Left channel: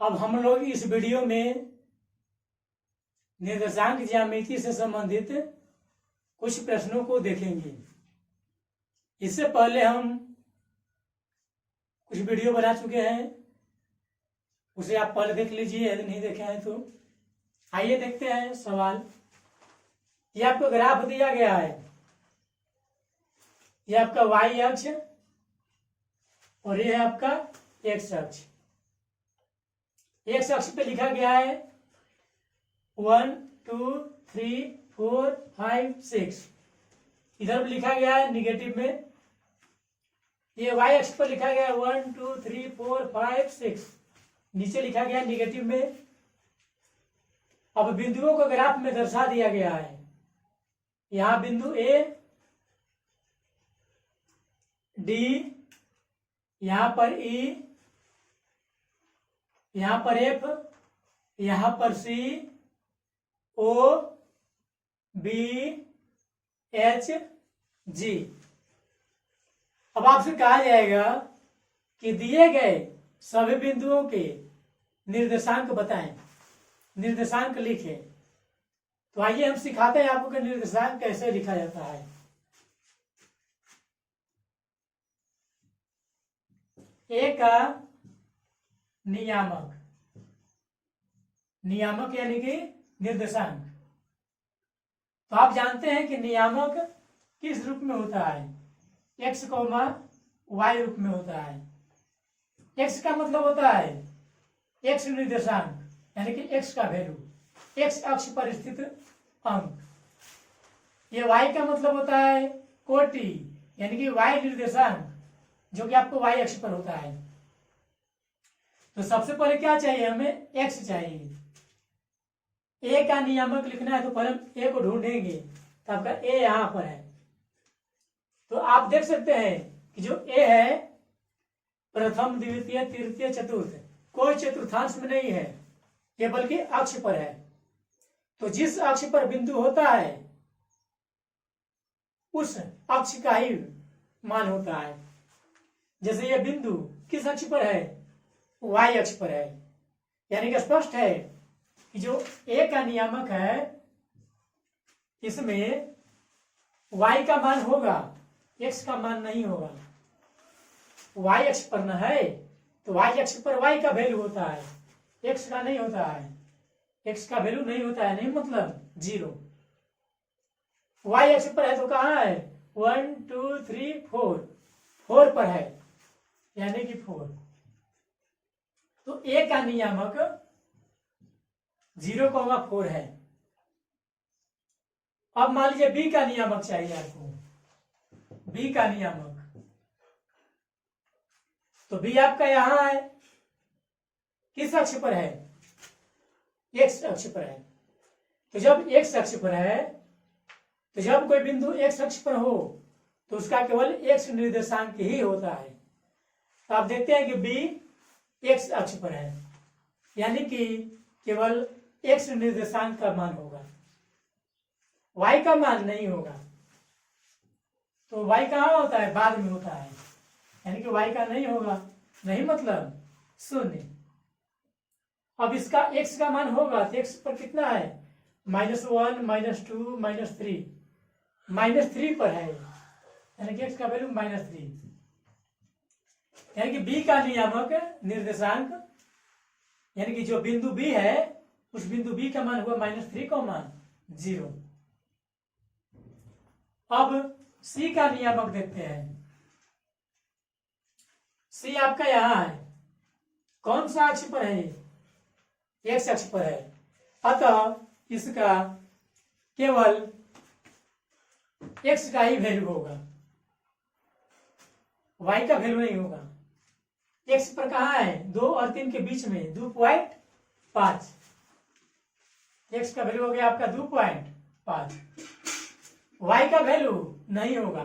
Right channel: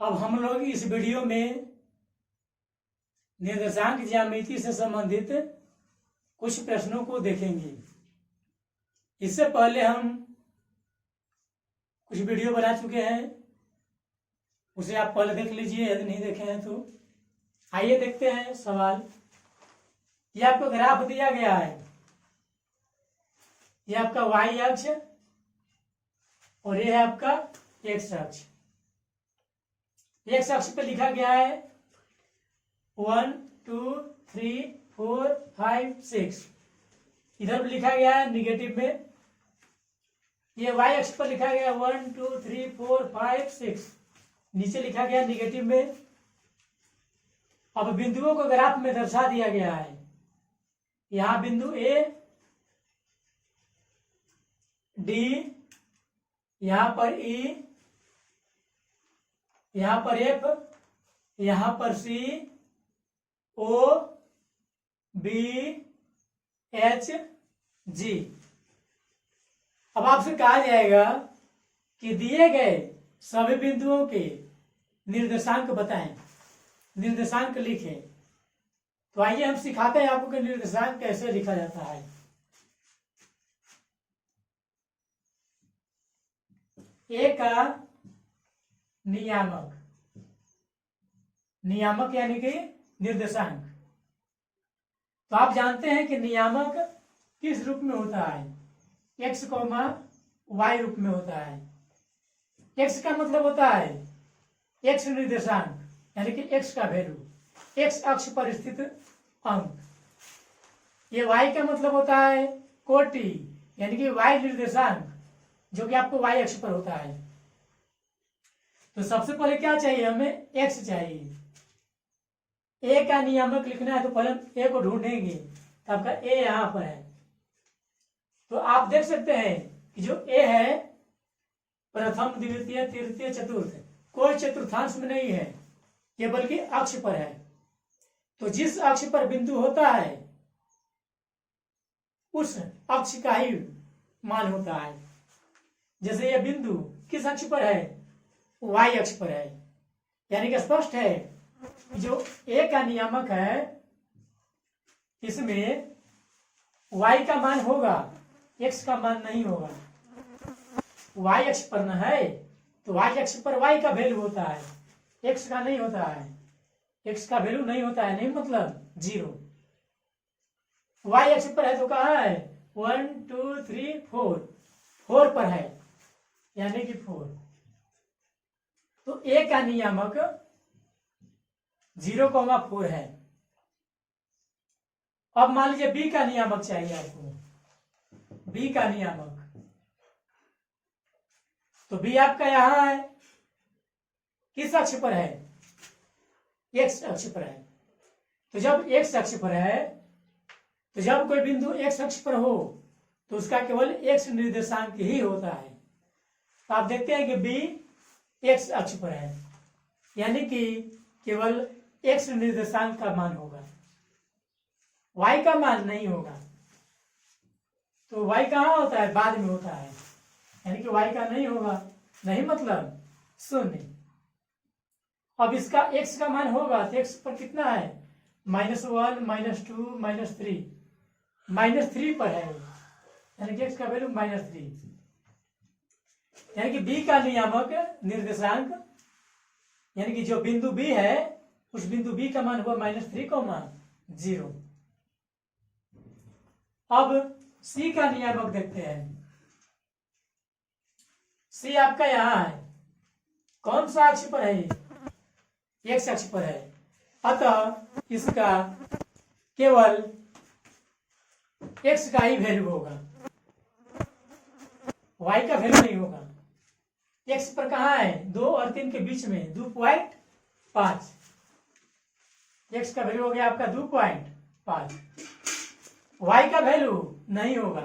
अब हम लोग इस वीडियो में निर्देशांक ज्यामिति से संबंधित कुछ प्रश्नों को देखेंगे। इससे पहले हम कुछ वीडियो बना चुके हैं, उसे आप पहले देख लीजिए यदि नहीं देखे हैं तो। आइए देखते हैं सवाल। यह आपको ग्राफ दिया गया है, यह आपका y अक्ष और यह है आपका x अक्ष। x अक्ष पे लिखा गया है 1 2 3 4 5 6। इधर भी लिखा गया है निगेटिव में। ये y अक्ष पर लिखा गया है 1 2 3 4 5 6, नीचे लिखा गया है निगेटिव में। अब बिंदुओं को ग्राफ में दर्शा दिया गया है। यहां बिंदु A, D, यहां पर E, यहां पर F, यहां पर C, O, B, H, G। अब आपसे कहा जाएगा कि दिए गए सभी बिंदुओं के निर्देशांक बताएं, निर्देशांक लिखें। तो आइए हम सिखाते हैं आपको कि निर्देशांक कैसे लिखा जाता है। ए का नियामक, नियामक यानी कि निर्देशांक। तो आप जानते हैं कि नियामक किस रूप में होता है? x, y रूप में होता है। x का मतलब होता है x निर्देशांक यानी कि x का वैल्यू, x अक्ष पर स्थित अंक। ये y का मतलब होता है कोटि यानी कि y निर्देशांक, जो कि आपको y अक्ष पर होता है। तो सबसे पहले क्या चाहिए हमें? x चाहिए। a का नियामक लिखना है तो पहले हम a को ढूंढेंगे, तो आपका a यहां पर है। तो आप देख सकते हैं कि जो a है प्रथम द्वितीय तृतीय चतुर्थ, कोई चतुर्थांश में नहीं है, ये बल्कि अक्ष पर है। तो जिस अक्ष पर बिंदु होता है उस अक्ष का ही मान होता है। जैसे ये बिंदु किस अक्ष पर है? y अक्ष पर है। यानी कि स्पष्ट है कि जो a का नियामक है इसमें y का मान होगा, x का मान नहीं होगा। y अक्ष पर न है तो y अक्ष पर y का वैल्यू होता है, x का नहीं होता है। x का वैल्यू नहीं होता है, नहीं मतलब 0। y अक्ष पर है तो कहाँ है? 1 2 3 4, 4 पर है यानी कि 4। तो a का नियामक 0,4 है। अब मान लीजिए b का नियामक चाहिए आपको, b का नियामक। तो b आपका यहां है, किस अक्ष पर है? x अक्ष पर है। तो जब x अक्ष पर है, तो जब कोई बिंदु x अक्ष पर हो तो उसका केवल x निर्देशांक ही होता है। तो आप देखते हैं कि b x अक्ष पर है, यानी कि केवल x निर्देशांक का मान होगा, y का मान नहीं होगा। तो y कहाँ होता है? बाद में होता है, यानी कि y का नहीं होगा, नहीं मतलब 0। अब इसका x का मान होगा तो x पर कितना है? -1 -2 -3, -3 पर है, यानी कि x का वैल्यू -3। यानी कि b का नियामक निर्देशांक यानी कि जो बिंदु b है उस बिंदु b का मान हुआ -3, 0। अब c का नियामक देखते हैं। c आपका यहां है, कौन सा अक्ष पर है? x अक्ष पर है, अतः इसका केवल x का ही वैल्यू होगा, y का वैल्यू नहीं होगा। x पर कहाँ है? 2 और 3 के बीच में 2.5, x का वैल्यू हो गया आपका 2.5। y का वैल्यू नहीं होगा।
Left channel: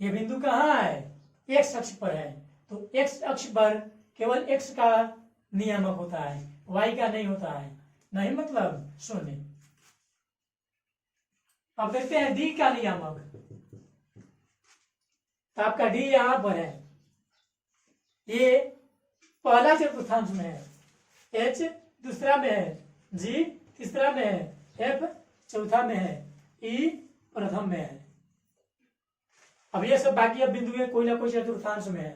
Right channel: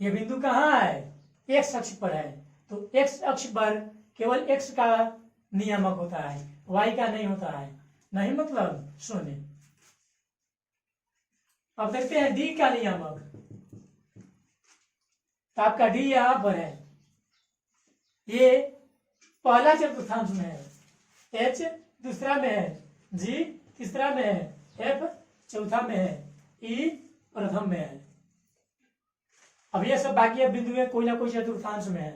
ये बिंदु कहाँ है? x अक्ष पर है, तो x अक्ष पर केवल x का नियामक होता है, y का नहीं होता है, नहीं मतलब 0। अब देखते हैं d का नियामक। तो आपका d यहां पर है, ये पहला चतुर्थांश में है, H दूसरा में है, G तीसरा में है, F चौथा में है, E प्रथम में है। अब ये सब बाकी अब बिंदु है कोई ना कोई चतुर्थांश में है,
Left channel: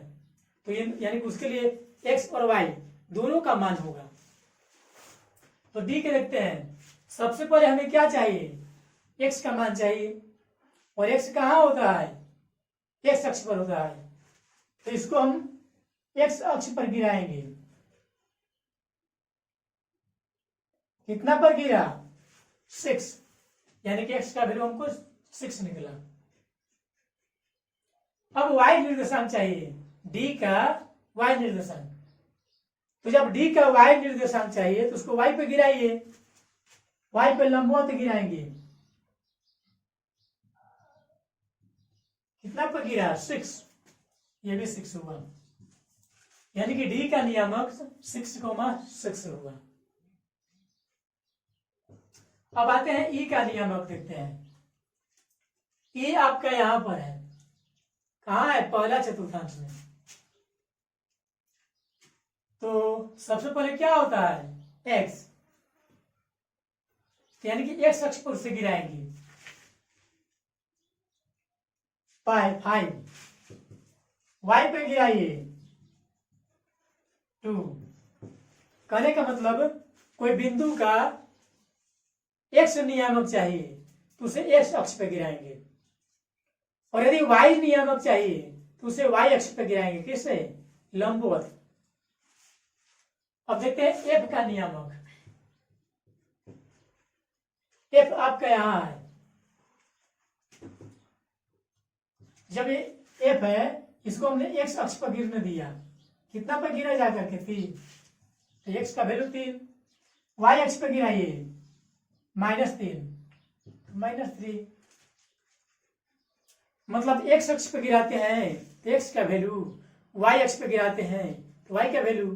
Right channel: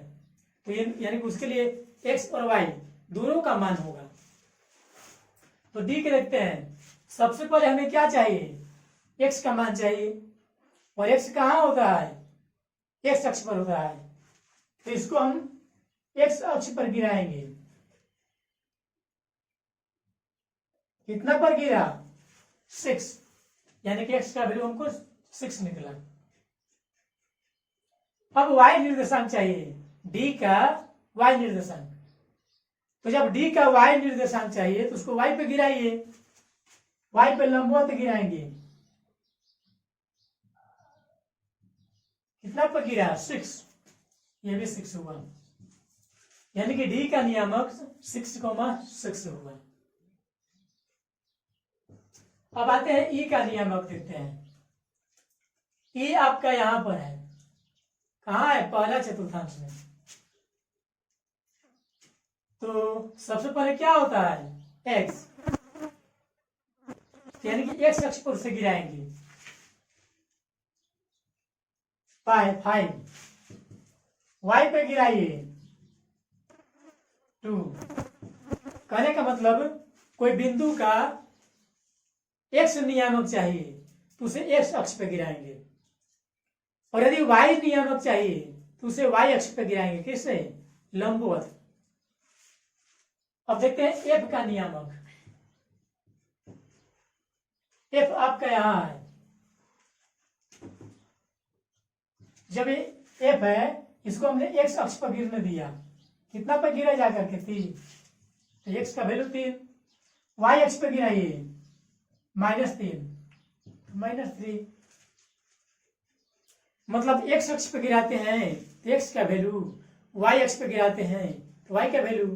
तो ये यानी कि उसके लिए x और y दोनों का मान होगा। तो डी के देखते हैं। सबसे पहले हमें क्या चाहिए, x का मान चाहिए, और x कहाँ होता है, x अक्ष पर होता है, तो इसको हम x अक्ष पर गिराएंगे। कितना पर गिरा, 6, यानी कि x का वैल्यू हमको 6 निकला। अब y निर्देशांक चाहिए, d का y निर्देशांक। तो जब d का y निर्देशांक चाहिए तो उसको y पे गिराइए, y पे लंबवत गिराएंगे। कितना पर गिरा, 6, ये भी 6 हुआ, यानी कि d का नियामक 6,6 हुआ। अब आते हैं e का नियामक देखते हैं। e आपका यहां पर है, कहाँ है, पहला चतुर्थांश में। तो सबसे पहले क्या होता है, x, यानी कि x अक्ष पर से गिराएंगे, 5, y पे गिराइए 2। कहने का मतलब कोई बिंदु का x नियामक चाहिए तो उसे x अक्ष पे गिराएंगे, और यदि y नियामक चाहिए तो उसे y अक्ष पे गिराएंगे, किससे, लंबवत। अब देखते हैं f का नियामक। f आपका यहां है, जब ये f है इसको हमने x अक्ष पर गिरने दिया, कितना पर गिरा जाकर के 3, तो x का वैल्यू 3। y अक्ष पर गिराइए, -3, -3, मतलब x अक्ष पे गिराते हैं तो x का वैल्यू, y अक्ष पे गिराते हैं तो y का वैल्यू।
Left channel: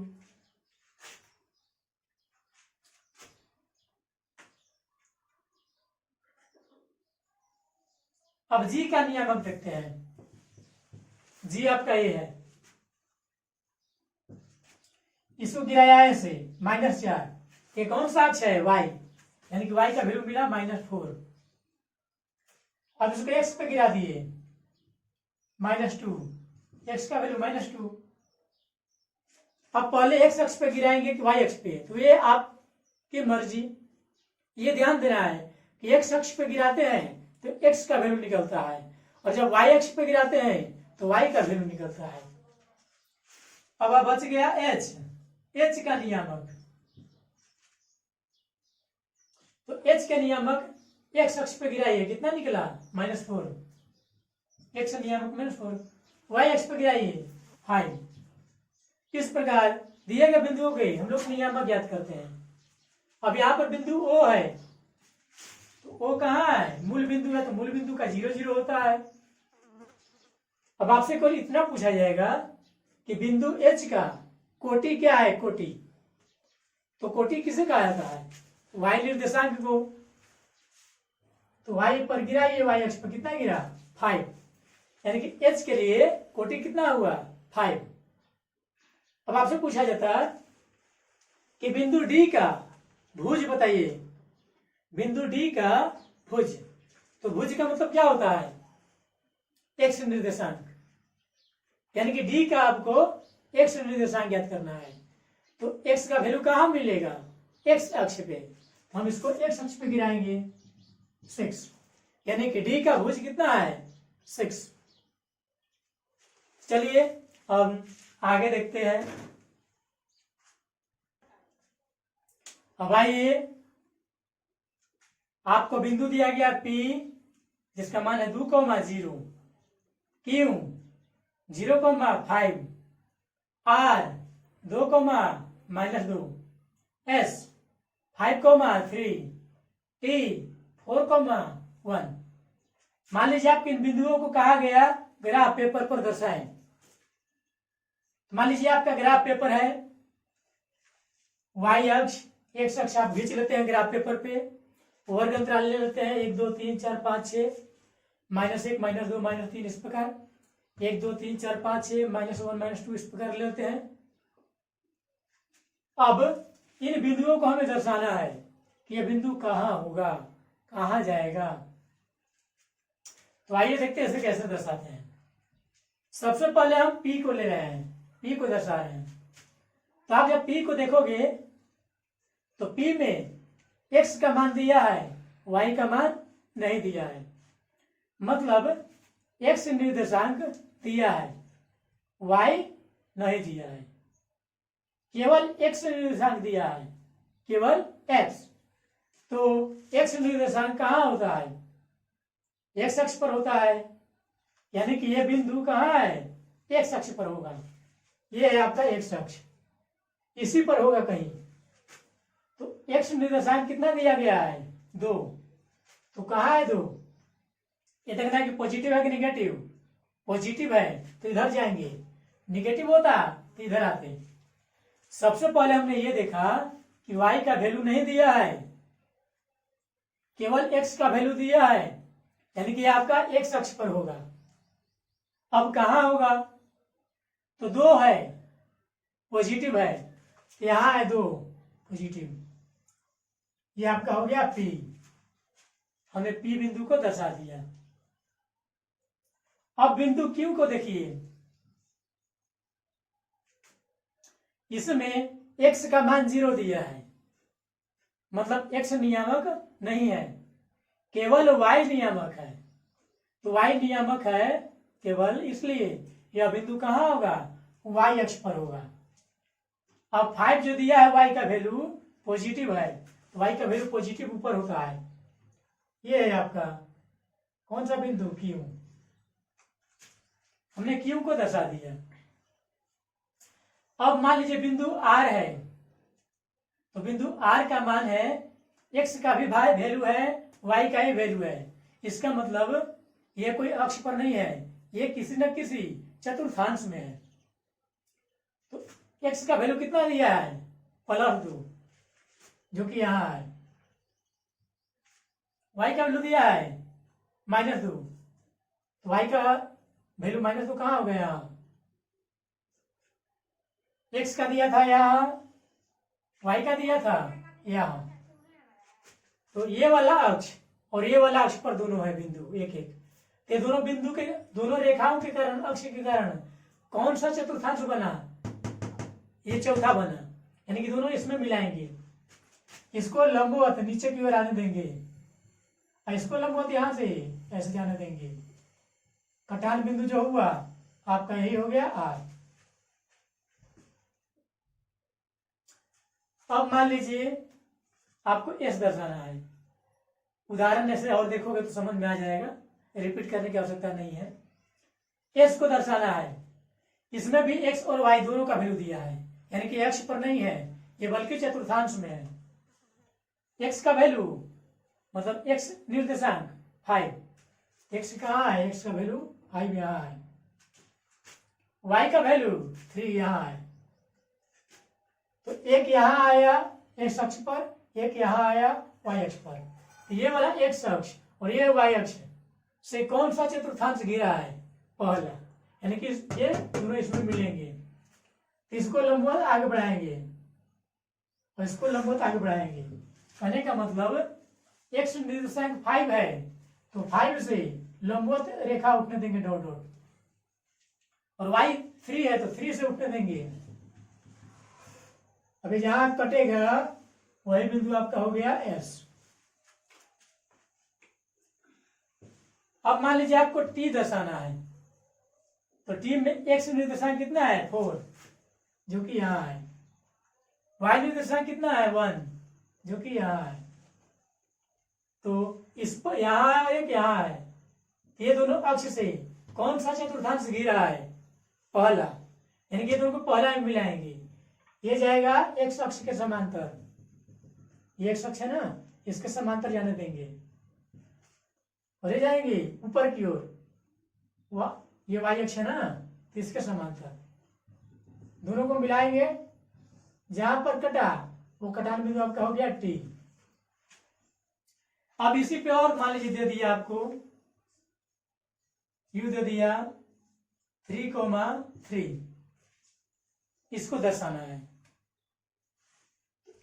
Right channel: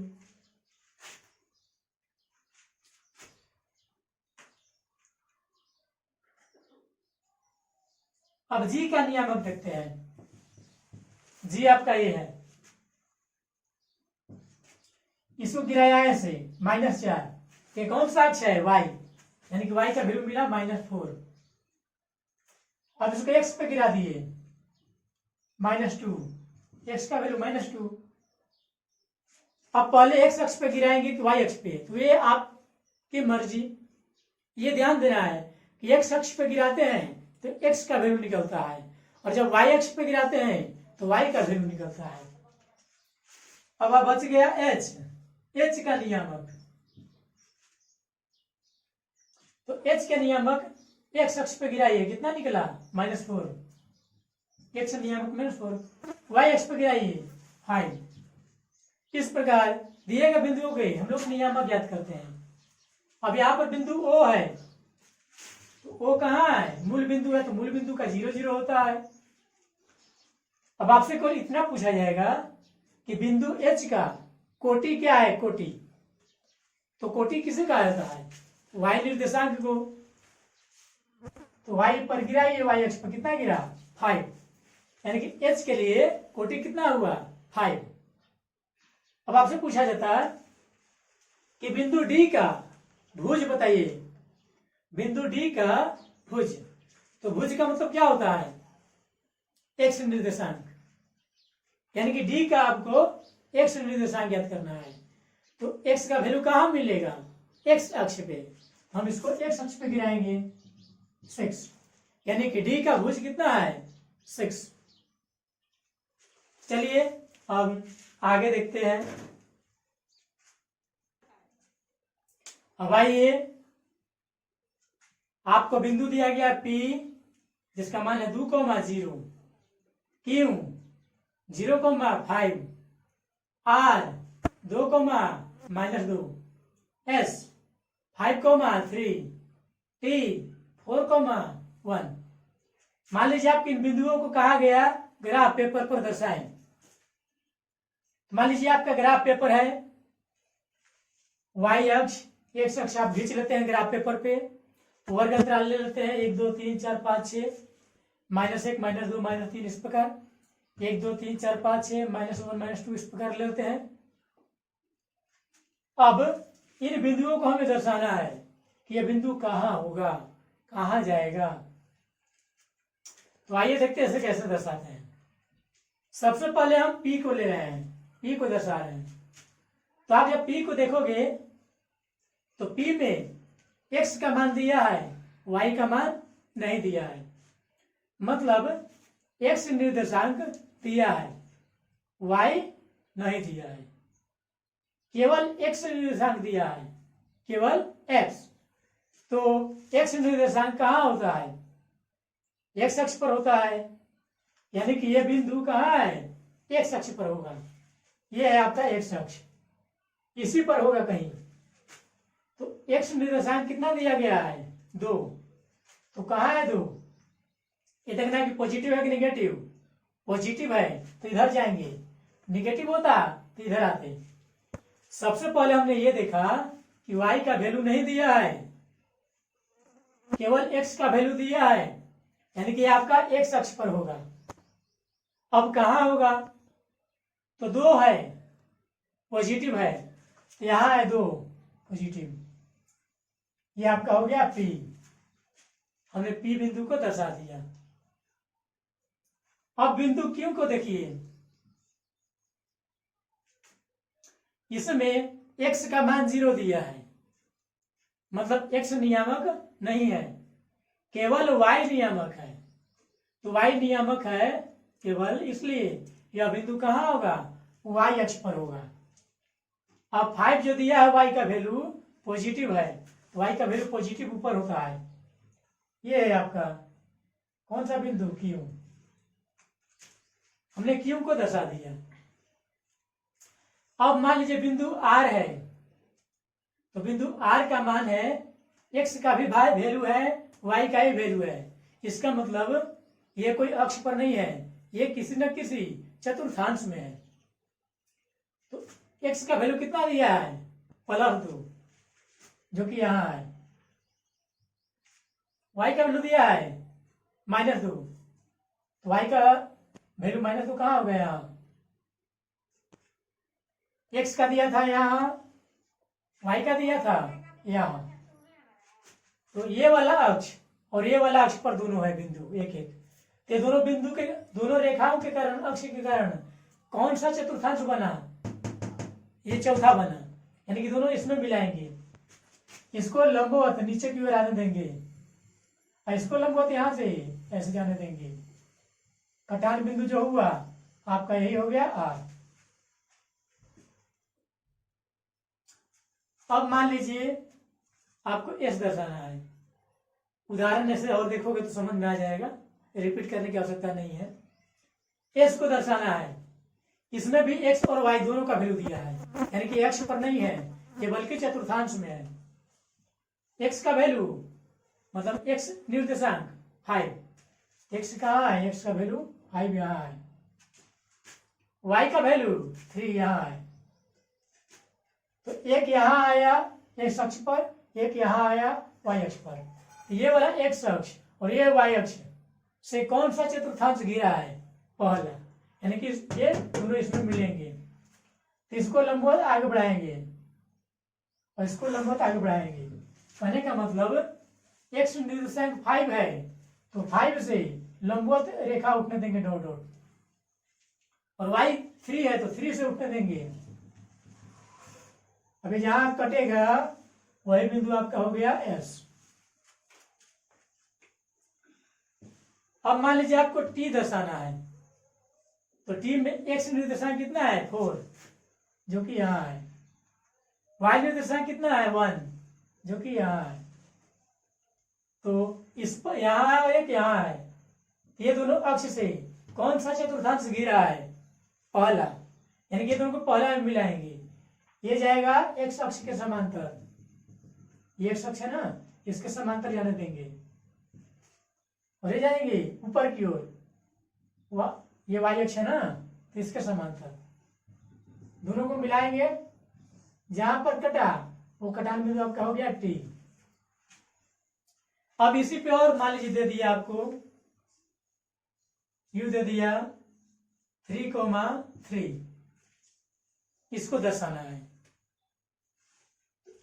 अब g का नियामक देखते हैं। g आपका ये है, इसको गिराया ऐसे -4, ये कौन सा अक्ष है, y, यानी कि y का वैल्यू मिला -4। अब इसको x पे गिरा दिए, -2, x का वैल्यू -2। अब पहले x अक्ष पे गिराएंगे कि y अक्ष पे, तो ये आपकी मर्जी। ये ध्यान देना है कि x अक्ष पे गिराते हैं तो x का वैल्यू निकलता है, और जब y अक्ष पे गिराते हैं तो y का वैल्यू निकलता है। अब बच गया h का नियामक। तो h के नियामक x अक्ष पे गिराइए, कितना निकला, -4, x नियामक -4। y अक्ष पे गिराइए 5। इस प्रकार दिए गए बिंदुओं के हम लोग नियामक ज्ञात करते हैं। अब यहाँ पर बिंदु O है, तो O कहाँ है, मूल बिंदु है, तो मूल बिंदु का 0, 0 होता है। अब आपसे कोई इतना पूछा जाएगा कि बिंदु H का कोटि क्या है, कोटि, तो कोटि किसे कहा जाता है, y निर्देशांक को। तो y पर गिरा, ये y अक्ष पर कितना गिरा, 5, यानी कि h के लिए कोटि कितना हुआ, 5। अब आपसे पूछा जाता है कि बिंदु D का भुज बताइए, बिंदु D का भुज। तो भुज का मतलब क्या होता है, x निर्देशांक, यानी कि D का आपको x निर्देशांक ज्ञात करना है। तो x का वैल्यू कहां मिलेगा, x अक्ष पे, हम इसको x अक्ष पे गिराएंगे 6, यानी कि D का भुज कितना है, 6। चलिए हम आगे देखते हैं। अब आइए, आपको बिंदु दिया गया P जिसका मान है 2,0, Q 0,5, R 2,-2, S 5,3, T 4,1। मान लीजिए आपके इन बिंदुओं को कहा गया ग्राफ पेपर पर दर्शाएं। मान लीजिए आपका ग्राफ पेपर है, y अक्ष, x अक्ष आप खींच लेते हैं ग्राफ पेपर पे, वर्ग अंतराल ले लेते हैं 1, 2, 3, 4, 5, 6, -1, -2, -3, इस प्रकार 1, 2, 3, 4, 5, 6, -1, -2, इस प्रकार ले लेते हैं। अब इन बिंदुओं को हमें दर्शाना है कि यह बिंदु कहाँ होगा, कहाँ जाएगा। तो आइए देखते हैं इसे कैसे दर्शाते हैं। सबसे पहले हम P को ले रहे हैं, P को दर्शा रहे हैं। तो आप जब P को देखोगे तो P में x का मान दिया है, y का मान नहीं दिया है। मतलब x निर्देशांक दिया है, y नहीं दिया है। केवल x निर्देशांक दिया है, केवल x। तो x निर्देशांक कहाँ होता है, x अक्ष पर होता है। यानी कि यह बिंदु कहाँ है, x अक्ष पर होगा। यह है आपका x अक्ष, इसी पर होगा कहीं। तो x निर्देशांक कितना दिया गया है, 2। तो कहाँ है 2? ये देखना है कि पॉजिटिव है कि निगेटिव। पॉजिटिव है तो इधर जाएंगे, निगेटिव होता तो इधर आते। सबसे पहले हमने ये देखा कि y का वैल्यू नहीं दिया है, केवल x का वैल्यू दिया है। यानी कि आपका x अक्ष पर होगा। अब कहाँ होगा, तो 2 है, पॉजिटिव है, तो यहां है 2 पॉजिटिव। ये आपका हो गया P। हमने P बिंदु को दर्शा दिया। अब बिंदु Q को देखिए, इसमें x का मान 0 दिया है। मतलब x नियामक नहीं है, केवल y नियामक है। तो y नियामक है केवल इसलिए यह बिंदु कहाँ होगा, y अक्ष पर होगा। अब 5 जो दिया है y का वैल्यू पॉजिटिव है, तो y का वैल्यू पॉजिटिव ऊपर होता है। ये है आपका कौन सा बिंदु, Q। हमने Q को दर्शा दिया। अब मान लीजिए बिंदु R है, तो बिंदु R का मान है, x का भी वैल्यू है, y का ही वैल्यू है। इसका मतलब ये कोई अक्ष पर नहीं है, ये किसी न किसी चतुर्थांश में है। तो x का वैल्यू कितना दिया है, +2, जो कि यहां है। y का वैल्यू दिया है -2, तो y का वैल्यू -2 कहाँ हो गया, x का दिया था यहाँ, y का दिया था यहाँ। तो ये वाला अक्ष और ये वाला अक्ष पर दोनों है बिंदु एक एक। तो दोनों बिंदु के, दोनों रेखाओं के कारण, अक्ष के कारण कौन सा चतुर्थांश बना, ये चौथा बना। यानी कि दोनों इसमें मिलाएंगे। इसको लंबवत नीचे की ओर आने देंगे, और इसको लंबवत यहां से ऐसे जाने देंगे। कटान बिंदु जो हुआ आपका यही हो गया R। अब मान लीजिए आपको S दर्शाना है। उदाहरण ऐसे और देखोगे तो समझ में आ जाएगा, रिपीट करने की आवश्यकता नहीं है। S को दर्शाना है, इसमें भी x और y दोनों का वैल्यू दिया है। यानी कि x पर नहीं है, ये बल्कि चतुर्थांश में है। x का वैल्यू मतलब x निर्देशांक 5, x कहाँ है, x का वैल्यू 5 यहाँ है। y का वैल्यू 3 यहाँ है। तो एक यहाँ आया x अक्ष पर, एक यहाँ आया y अक्ष पर। तो ये वाला x अक्ष और ये y अक्ष से कौन सा चतुर्थांश घिरा है, पहला। यानी कि ये दोनों इसमें मिलेंगे, तो इसको लंबवत आगे बढ़ाएंगे और इसको लंबवत आगे बढ़ाएंगे। कहने का मतलब x निर्देशांक 5 है, तो 5 से लंबवत रेखा उठने देंगे डॉट डॉट, और y 3 है तो 3 से उठने देंगे। अभी जहां कटेगा वही बिंदु आपका हो गया S। अब मान लीजिए आपको T दर्शाना है, तो T में x निर्देशांक कितना है, 4, जो कि यहाँ है। y निर्देशांक कितना है, 1, जो कि यहाँ है। तो इस पर यहाँ है और एक यहाँ है, ये दोनों अक्ष से कौन सा चतुर्थांश घिरा है, पहला। यानी कि ये दोनों को पहला में मिलाएंगे। ये जाएगा x अक्ष के समांतर, ये x अक्ष है ना, इसके समांतर जाने देंगे और ये जाएंगे ऊपर की ओर। ये y अक्ष है ना, तो इसके समांतर दोनों को मिलाएंगे। जहां पर कटा वो कटान बिंदु आपका हो गया T। अब इसी पे और मान लीजिए दे दिया आपको U, दे दिया 3,3, इसको दर्शाना है।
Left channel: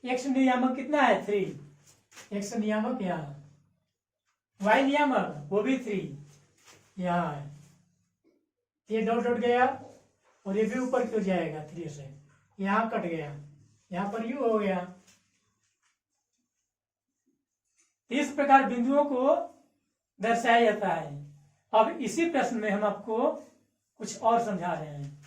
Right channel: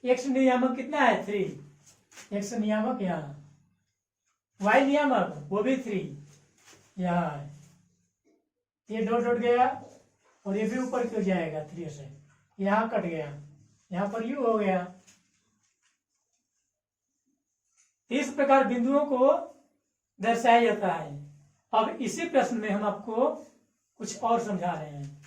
एक्स नियामक कितना है 3, एक्स नियामक यहाँ, वाई नियामक वो भी 3 यहाँ है, ये डॉट डॉट गया और ये भी ऊपर क्यों जाएगा 3 से, यहाँ कट गया, यहाँ पर यू हो गया। इस प्रकार बिंदुओं को दर्शाया जाता है। अब इसी प्रश्न में हम आपको कुछ और समझा रहे हैं।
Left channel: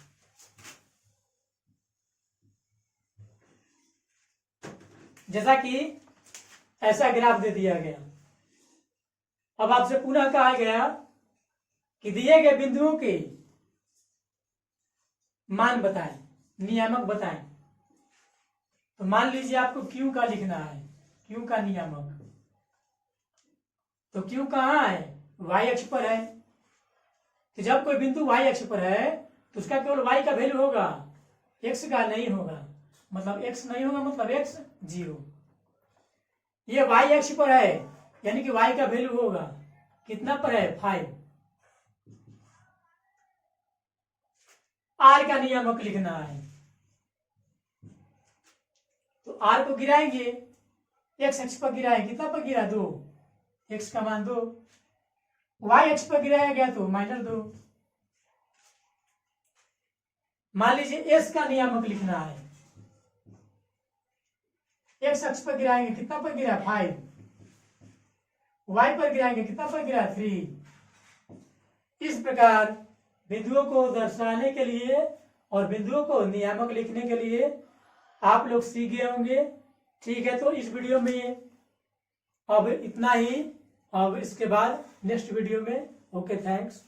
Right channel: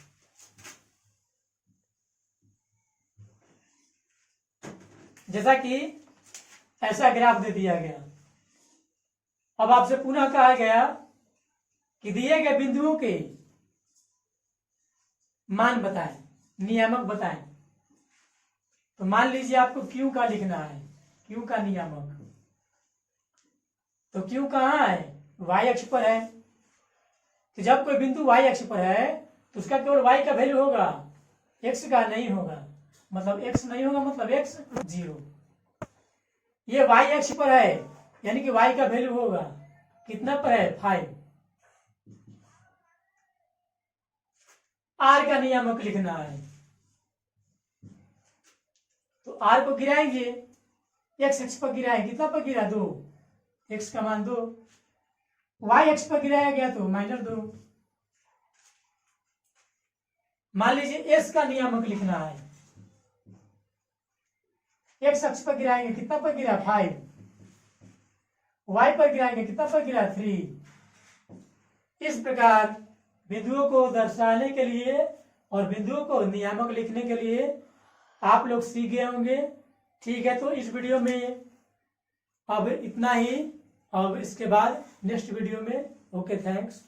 जैसा कि ऐसा ग्राफ दे दिया गया, अब आपसे पुनः कहा गया कि दिए गए बिंदुओं के मान बताएं, नियामक बताएं। तो मान लीजिए आपको क्यू का लिखना है, क्यू का नियामक, तो क्यू कहाँ है, वाई अक्ष पर है। तो जब कोई बिंदु वाई अक्ष पर है तो उसका केवल वाई का वैल्यू होगा, एक्स का नहीं होगा। मतलब एक्स नहीं होगा मतलब एक्स 0। ये वाई अक्ष पर है यानी कि वाई का वैल्यू होगा, कितना पर है 5। आर का नियामक लिखना है, तो आर को गिराएंगे, एक्स अक्ष पर गिराएंगे, कितना पर गिरा 2, एक्स का मान 2, वाई अक्ष पर गिराया गया तो -2। मान लीजिए एस का नियामक लिखना है, एक्स अक्ष पर गिराएंगे, कितना पर गिरा 5, वाई पर गिराएंगे, कितना पर गिरा 3। इस प्रकार बिंदुओं को दर्शाने के लिए और बिंदुओं को नियामक लिखने के लिए आप लोग सीख गए होंगे। ठीक है, तो इस वीडियो में अब इतना ही। अब इसके बाद नेक्स्ट वीडियो में ओके, थैंक्स।